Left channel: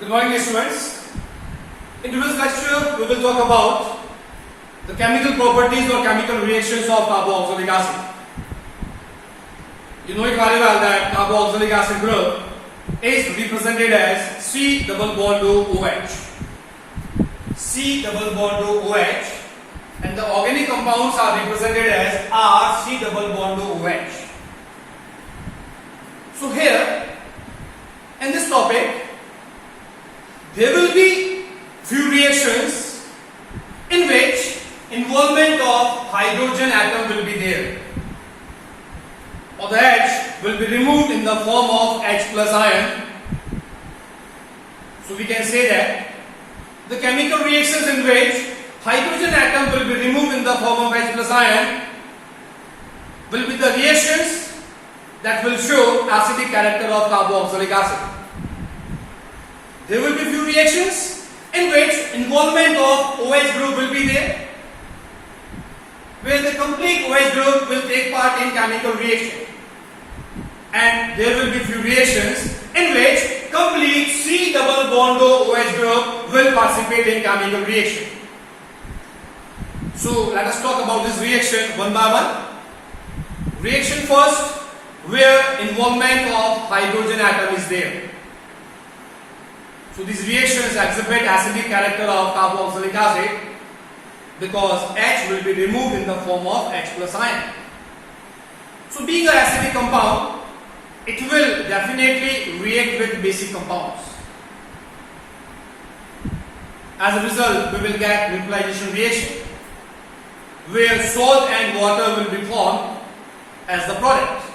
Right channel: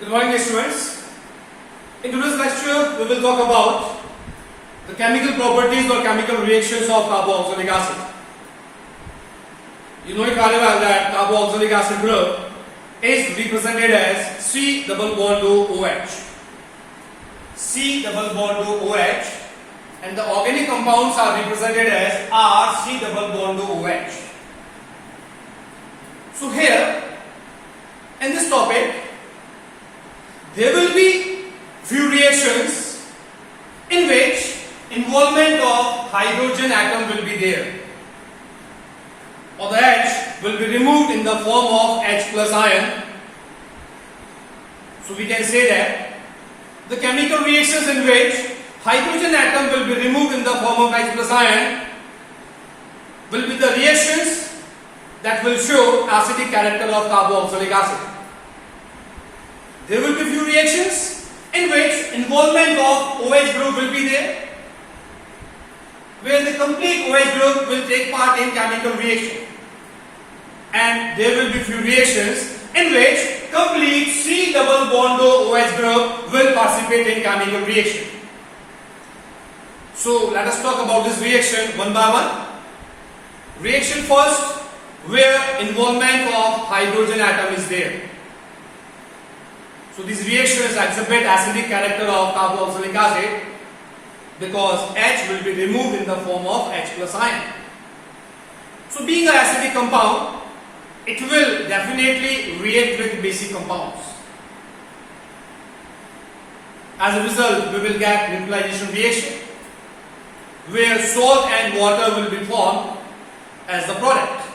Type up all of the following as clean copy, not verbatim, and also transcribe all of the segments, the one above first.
Good morning, dear students. In today's lecture, we will talk about the chemical properties or chemical reactions of carboxylic acid. You know it very well that carboxylic acid group is represented as C double bond OH. C double bond OH, and the organic compounds are represented as R C double bond OH. So here, in this topic, there will be few reactions in which involvement of hydrogen atom will be there, or the H will be removed in the form of H plus ion. So we can say that the chemical reactions in which hydrogen atom will be removed in the form of H plus ion will be the reactions that will show acidic character of carboxylic acid. There will be few reactions in which involvement of OH group will be there, where the complete OH group will take part in chemical reaction, and there will be few reactions in which complete C double bond OH group will participate in chemical reaction. So let us talk about this reaction one by one. Reaction first, where involvement of hydrogen atom is there. So these reactions exhibit acidic character of carboxylic acid because H will be removed in the form of H plus ion. So being an acidic compound, it will definitely react with basic compounds. As a result, we will get neutralization reaction where salt and water will be formed as the product.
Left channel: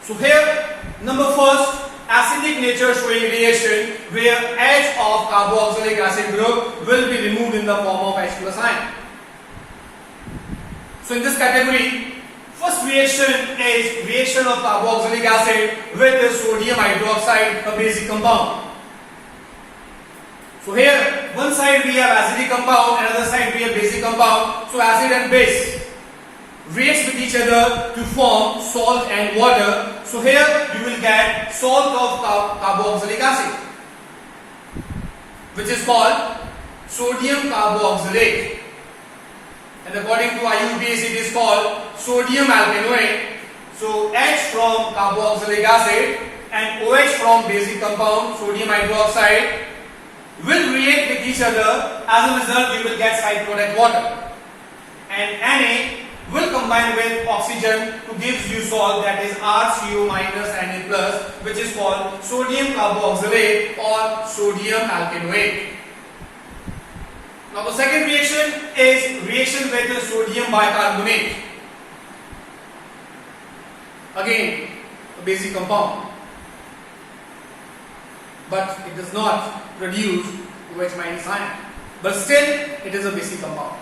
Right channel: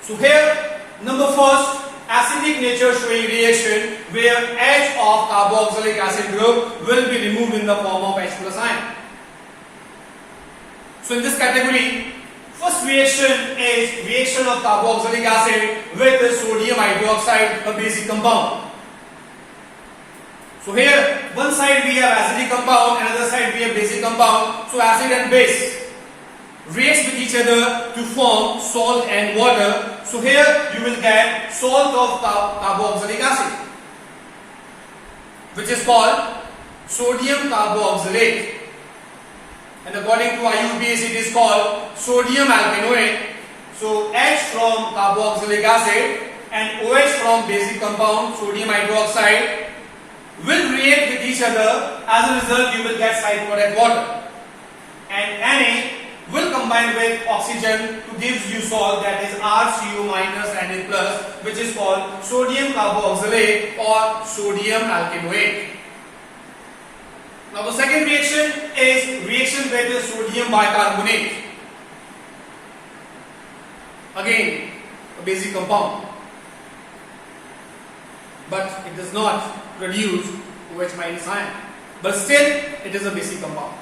So here, number first, acidic nature showing reaction where H of carboxylic acid group will be removed in the form of H plus ion. So in this category, first reaction is reaction of carboxylic acid with sodium hydroxide, a basic compound. So here, one side we have acidic compound, another side we have basic compound. So acid and base reacts with each other to form salt and water. So here you will get salt of carboxylic acid, which is called sodium carboxylate, and according to IUPAC it is called sodium alkanoate. So H from carboxylic acid and OH from basic compound sodium hydroxide will react with each other. As a result, you will get side product water, and Na will combine with oxygen to give you salt, that is RCO minus Na plus, which is called sodium carboxylate or sodium alkanoate. Now the second reaction is reaction with sodium bicarbonate. Again, a basic compound, but it does not produce OH minus ion, but still it is a basic compound.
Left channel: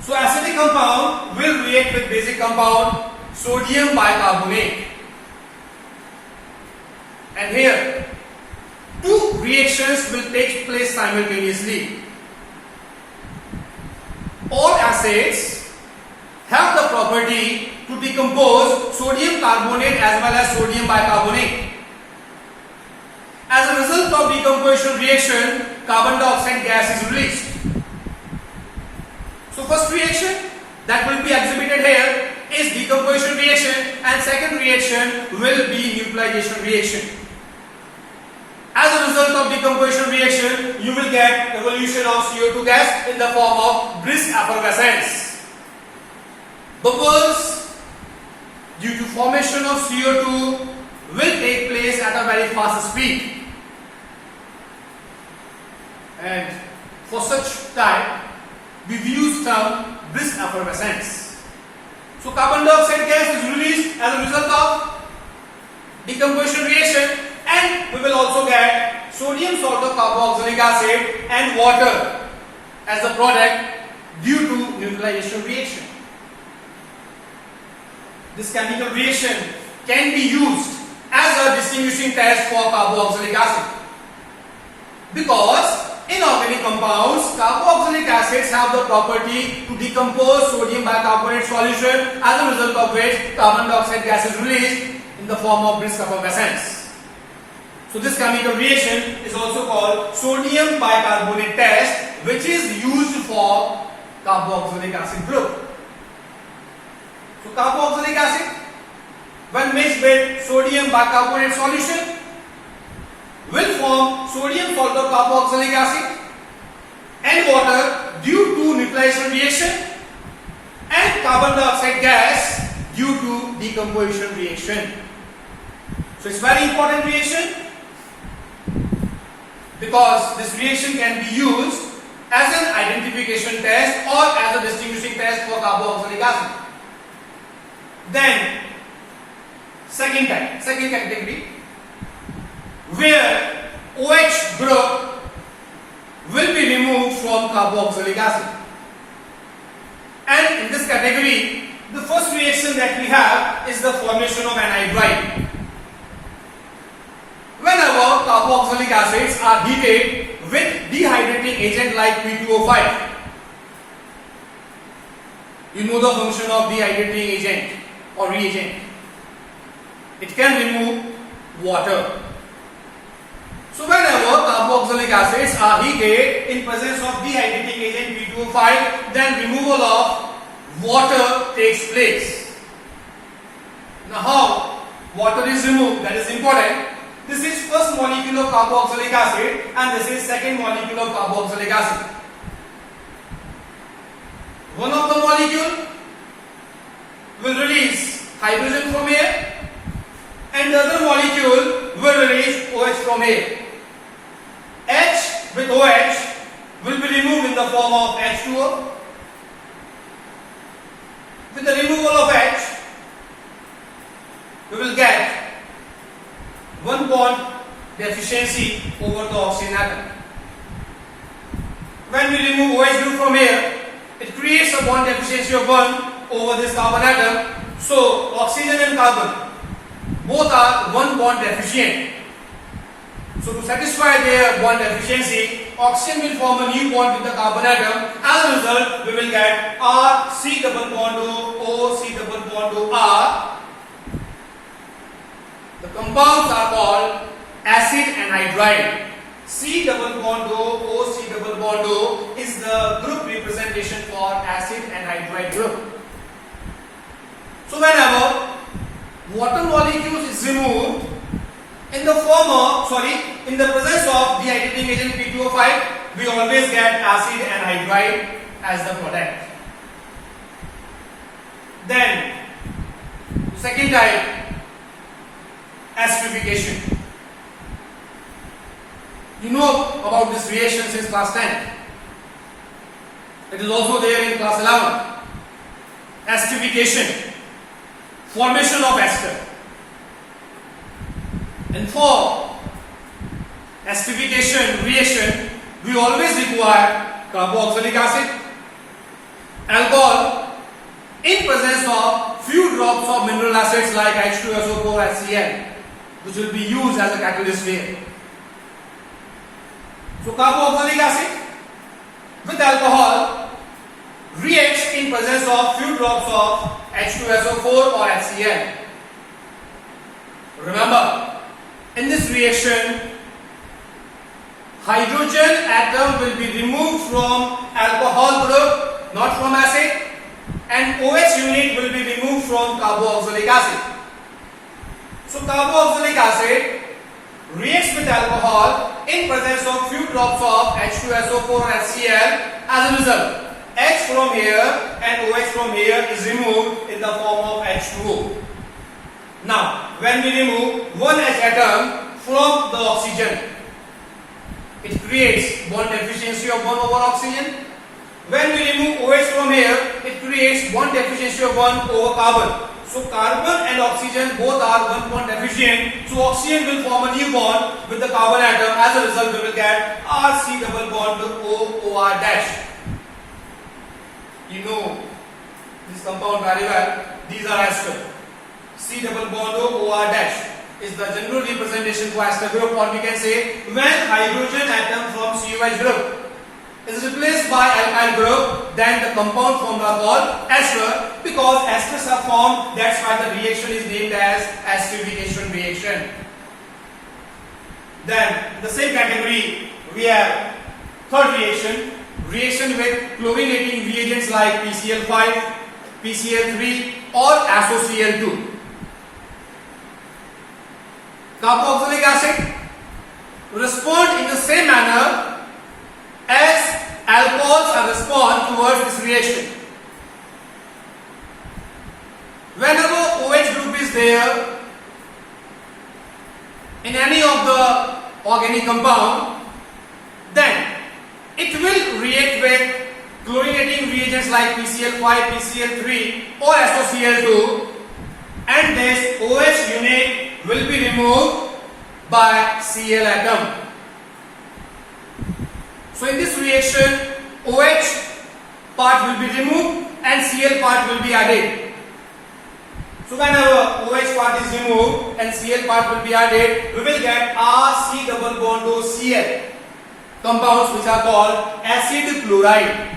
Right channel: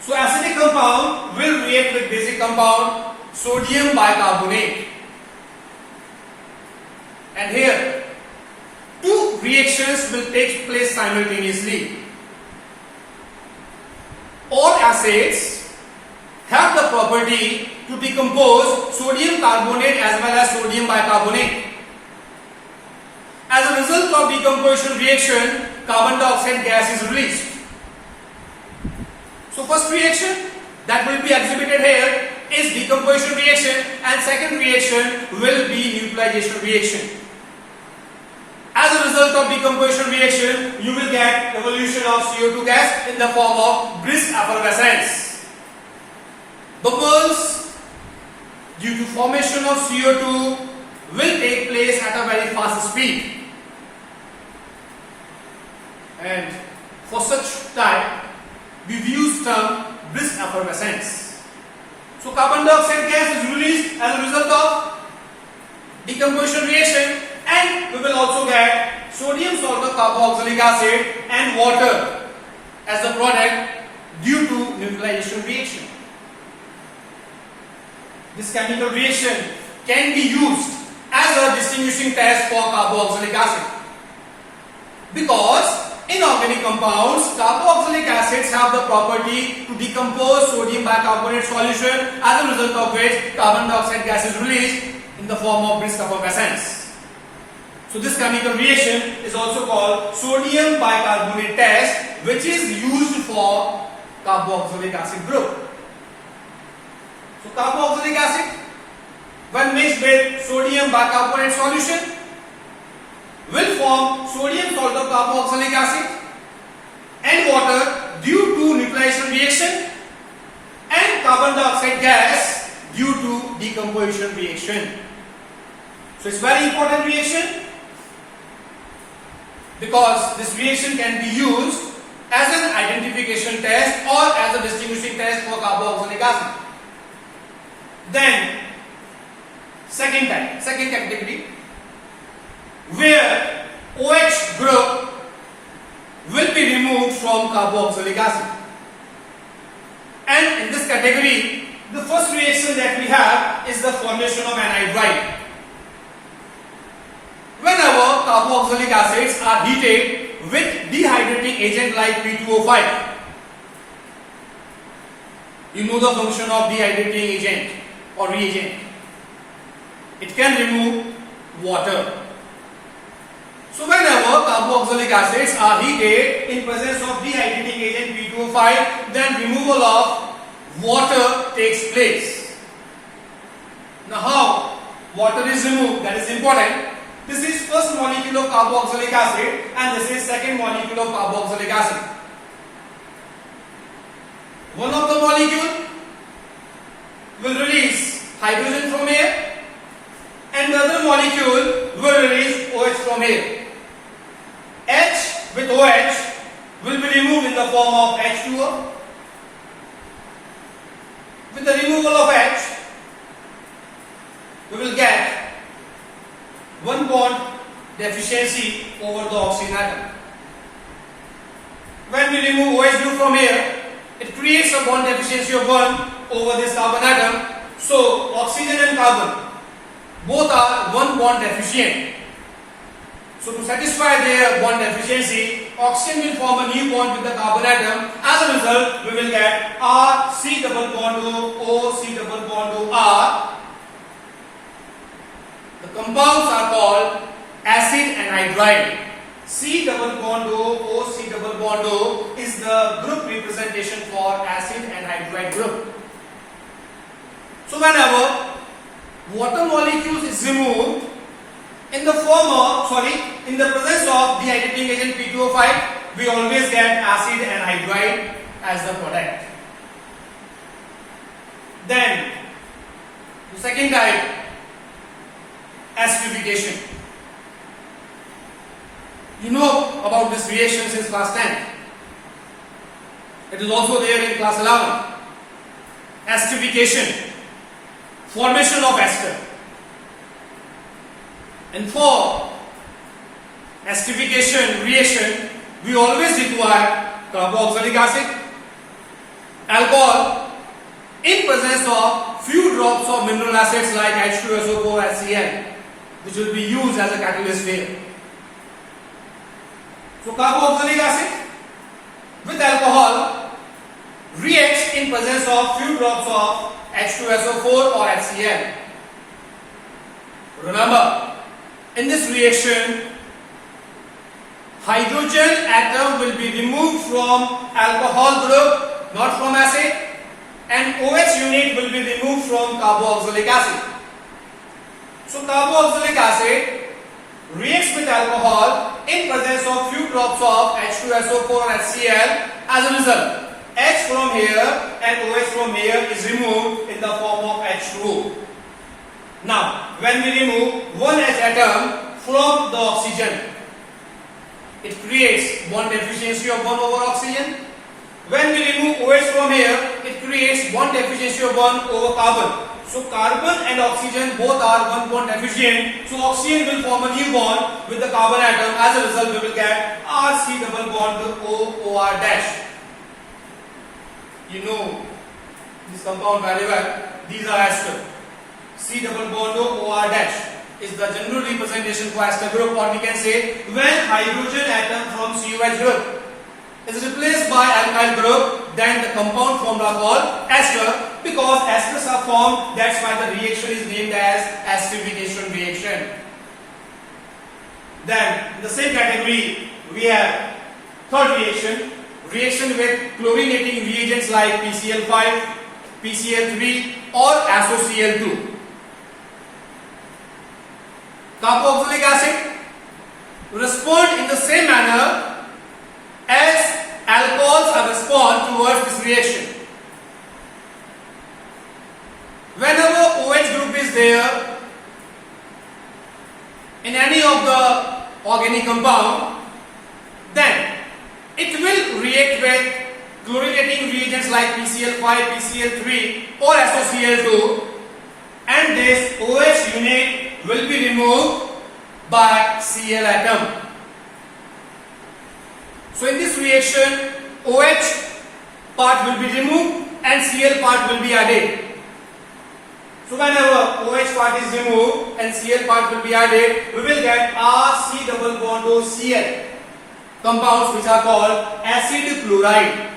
So acidic compound will react with basic compound sodium bicarbonate, and here two reactions will take place simultaneously. All acids have the property to decompose sodium carbonate as well as sodium bicarbonate. As a result of decomposition reaction, carbon dioxide gas is released. So first reaction that will be exhibited here is decomposition reaction, and second reaction will be neutralization reaction. As a result of decomposition reaction, you will get evolution of CO2 gas in the form of brisk effervescence. Bubbles due to formation of CO2 will take place at a very fast speed, and for such type we use term brisk effervescence. So carbon dioxide gas is released as a result of decomposition reaction, and we will also get sodium salt of carboxylic acid and water as the product due to neutralization reaction. This chemical reaction can be used as a distinguishing test for carboxylic acid, because in organic compounds, carboxylic acids have the property to decompose sodium bicarbonate solution, as a result of which carbon dioxide gas is released in the form of brisk effervescence. So this chemical reaction is also called sodium bicarbonate test, which is used for carboxylic acid group. So carboxylic acid, when mixed with sodium bicarbonate solution, will form sodium salt of carboxylic acid and water due to neutralization reaction, and carbon dioxide gas due to decomposition reaction. So it's very important reaction, because this reaction can be used as an identification test or as a distinguishing test for carboxylic acid. Then second category, where OH group will be removed from carboxylic acid. And in this category, the first reaction that we have is the formation of anhydride. Whenever carboxylic acids are heated with dehydrating agent like P2O5, you know the function of dehydrating agent or reagent. It can remove water. So whenever carboxylic acids are heated in presence of dehydrating agent P2O5, then removal of water takes place. Now how water is removed, that is important. This is first molecule of carboxylic acid and this is second molecule of carboxylic acid. One of the molecule will release hydrogen from air and the other molecule will release OH from air. H with OH will be removed in the form of H2O. With the removal of H, we will get one bond deficiency over the oxygen atom. When we remove OH group from here, it creates a bond deficiency of 1 over this carbon atom. So oxygen and carbon both are one bond deficient. So to satisfy their bond deficiency, oxygen will form a new bond with the carbon atom. As a result, we will get R C double bond O C double bond O R. The compounds are called acid anhydride. C double bond O C double bond O is the group representation for acid anhydride group. So whenever water molecules is removed in the presence of dehydrating agent P2O5, we always get acid anhydride as the product. Then second type, acidification. You know about this reaction since class 10. It is also there in class 11. Acidification, formation of ester. And for acidification reaction, we always require carboxylic acid, alcohol, in presence of few drops of mineral acids like H2SO4 HCl, which will be used as a catalyst here. So carboxylic acid with alcohol reacts in presence of few drops of H2SO4 or HCl. Remember, in this reaction, hydrogen atom will be removed from alcohol group, not from acid, and OH unit will be removed from carboxylic acid. So carboxylic acid reacts with alcohol in presence of few drops of H2SO4 HCl. As a result, H from here and OH from here is removed in the form of H2O. Now, when we remove one H atom from the oxygen, it creates bond deficiency of 1 over oxygen. When we remove OH from here, it creates bond deficiency of 1 over carbon. So carbon and oxygen both are one bond deficient. So oxygen will form a new bond with the carbon atom. As a result, we will get RC double bond O OR dash. You know this compound very well. These are ester. C double bond O OR dash is the general representation for ester group, or we can say when hydrogen atom from COH group is replaced by alkyl group, then the compound formula called ester, because esters are formed. That's why the reaction is named as acidification reaction. Then in the same category we have third reaction with chlorinating reagents like PCl5, PCl3 or AsOCl2. Carboxylic acid respond in the same manner as alcohols are respond towards this reaction. Whenever OH group is there in any of the organic compound, then it will react with chlorinating reagents like PCl5, PCl3 or AsOCl2, and this OH unit will be removed by Cl atom. So in this reaction, OH part will be removed and Cl part will be added. So whenever OH part is removed and Cl part will be added, we will get RC double bond O Cl compounds which are called acid chloride.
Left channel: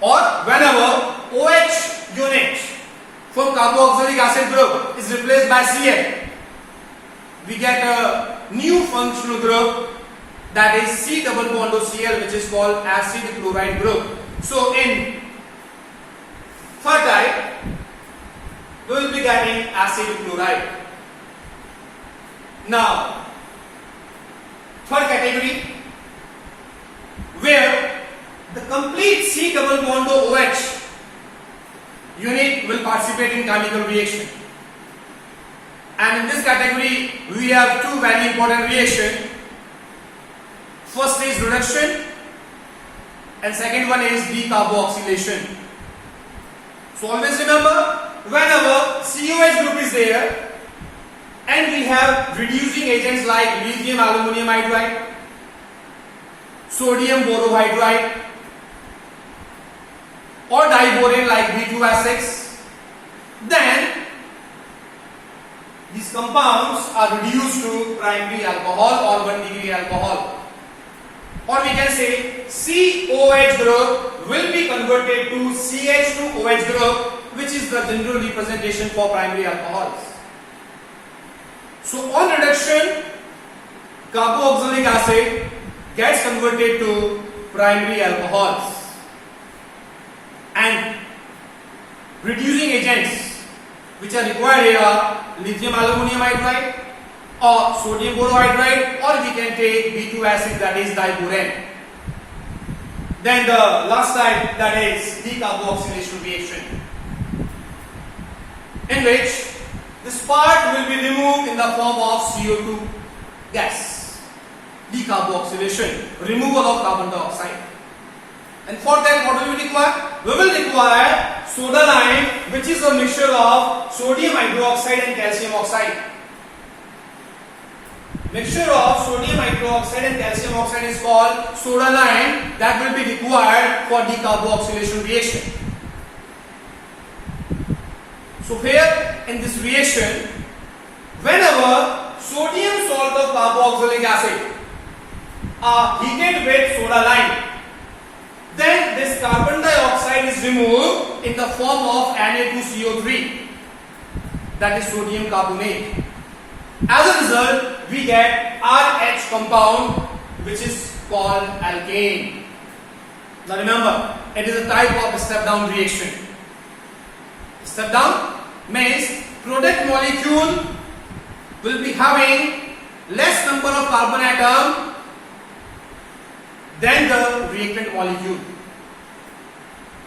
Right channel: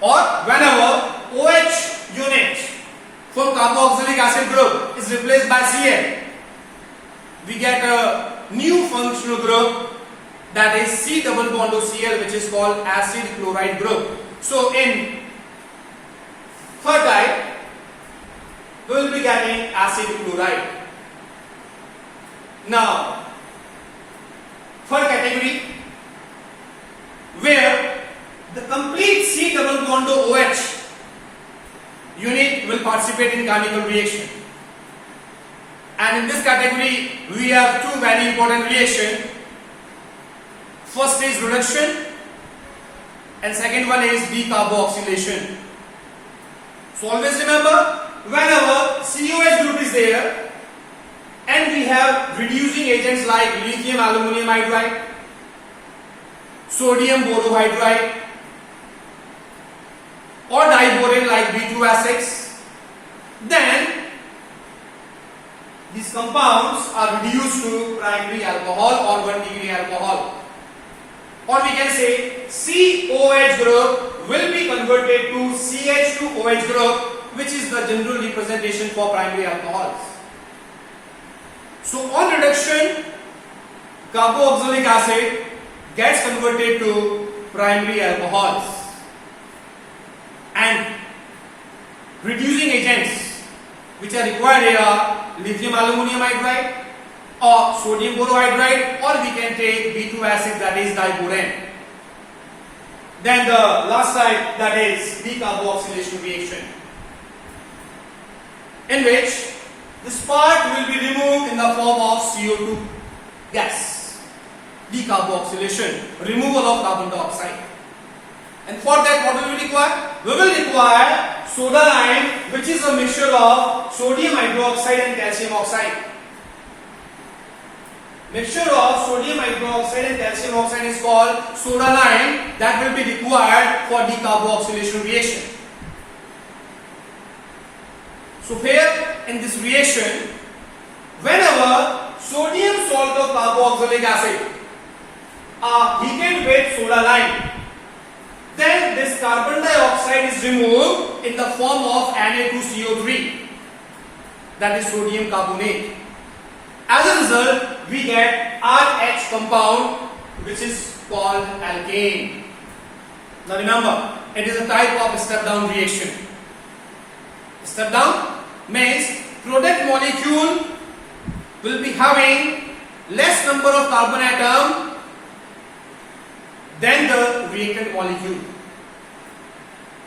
Or whenever OH unit from carboxylic acid group is replaced by Cl, we get a new functional group, that is C double bond O Cl, which is called acid chloride group. So in third type, we will be getting acid chloride. Now, third category, where the complete C double bond OH unit will participate in chemical reaction. And in this category, we have two very important reactions. First is reduction and second one is decarboxylation. So always remember, whenever COH group is there and we have reducing agents like lithium aluminum hydride, sodium borohydride or diborane like B2S6, then these compounds are reduced to primary alcohol or 1-degree alcohol. Or we can say COH group will be converted to CH2OH group, which is the general representation for primary alcohols. So on reduction, carboxylic acid gets converted to primary alcohols, and reducing agents which are required here are lithium aluminum hydride or sodium borohydride, or we can take B2S6, that is diborane. Then the last type, that is decarboxylation reaction, in which this part will be removed in the form of CO2 gas. Decarboxylation, removal of carbon dioxide. And for that, what will we require? We will require soda lime, which is a mixture of sodium hydroxide and calcium oxide. Mixture of sodium hydroxide and calcium oxide is called soda lime, that will be required for decarboxylation reaction. So here in this reaction, whenever sodium salt of carboxylic acid are heated with soda lime, then this carbon dioxide is removed in the form of Na2CO3, that is sodium carbonate. As a result, we get RH compound, which is called alkane. Now remember, it is a type of step down reaction. Step down means product molecule will be having less number of carbon atom than the reactant molecule.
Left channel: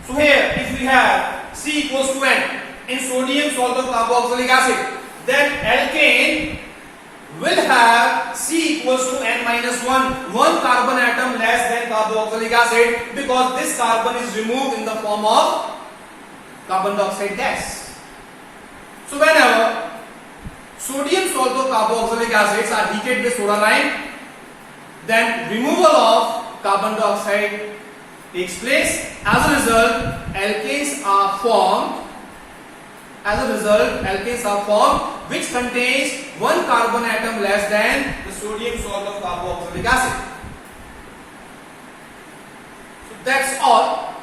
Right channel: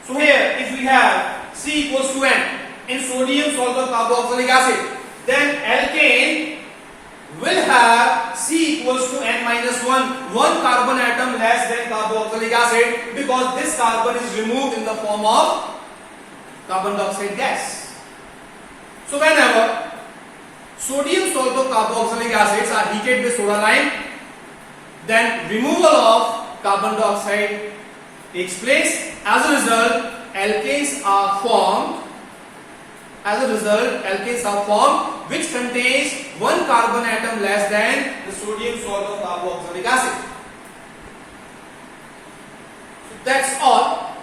So here, if we have C equals to N in sodium salt of carboxylic acid, then alkane will have C equals to N minus 1, one carbon atom less than carboxylic acid, because this carbon is removed in the form of carbon dioxide gas. So whenever sodium salt of carboxylic acids are heated with soda lime, then removal of carbon dioxide takes place. As a result, alkanes are formed. Which contains one carbon atom less than the sodium salt of carboxylic acid. So that's all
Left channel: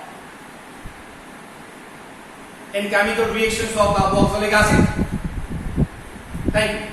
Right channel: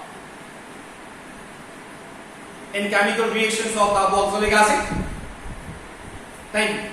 in chemical reactions of carboxylic acid. Thank you.